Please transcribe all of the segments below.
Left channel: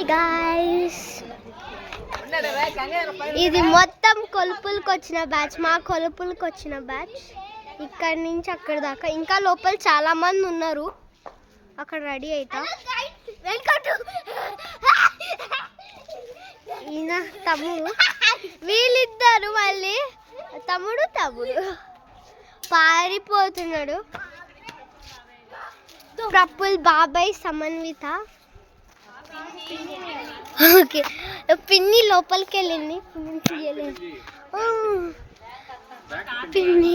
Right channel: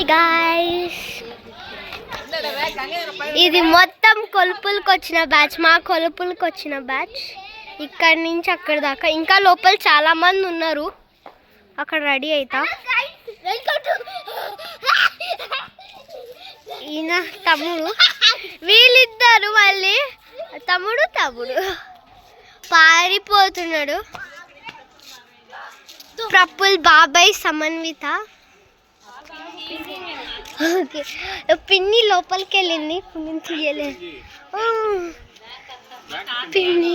Hi guys, ఇది మొత్తం కొలుపులకు వచ్చిన బ్యాచ్, మా కొలుపులకు వచ్చిన బ్యాచ్. ఇక్కడి నుంచి అక్కడి దాకా ఇంకా లోపల చాలా మంది ఉన్నారు. అక్కడ రెడీ అవుతా. ఈయన తమ్ముడు, వీళ్ళిద్దరు మళ్ళీ తమ్ముడు పారిపోతున్నాడు. ప్రఫుల్, బాబాయ్, సమన్విత. ఓకే, పిన్ని లోపలికి వెళ్ళింది. పిన్ని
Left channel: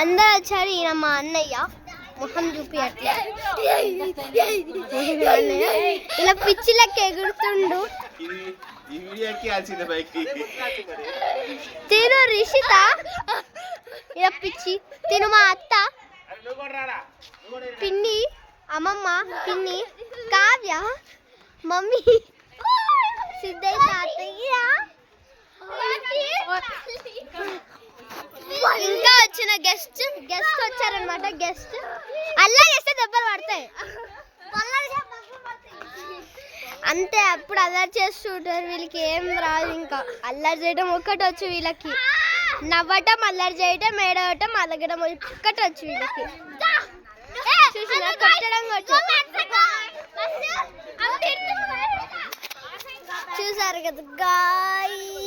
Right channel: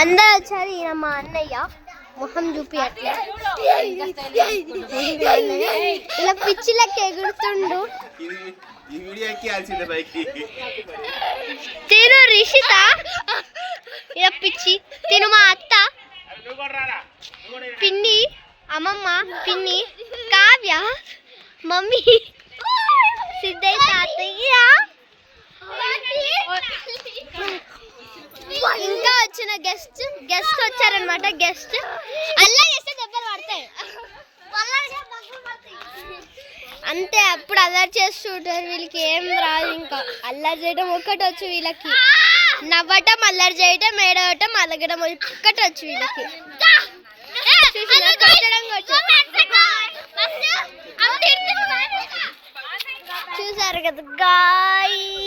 అందరు వచ్చారు. ఈయన మా అన్నయ్య, మొహం చూపి అట్లా ఇలా పిచ్చిలకి ఎగురుతుండు. తిను రిషిత, ఇలా పిచ్చి. తిను మా అత్త, పిన్ని, అమ్మమ్మ, పిన్ని, కావ్య, మమ్మీ, సిద్ధయ్య తాతయ్య, ఇంకా వచ్చిన గెస్ట్ వచ్చారనమాట. గెస్ట్ అల్లరి చేస్తే దెబ్బలు పడతాయి అంతే. అప్పుడు అల్లరి చేస్తుంటారు. వీళ్ళకి ఏం రాదు. ఇంకా అల్లరి చేయడం ఒక్కటి వచ్చు వీళ్ళకి. నవ్వటం, అల్లరి చేయటం, ఏడవటం, అలగడం ఒక్కటి వచ్చు వీళ్ళకి. చూసారు కదా గాయ్స్.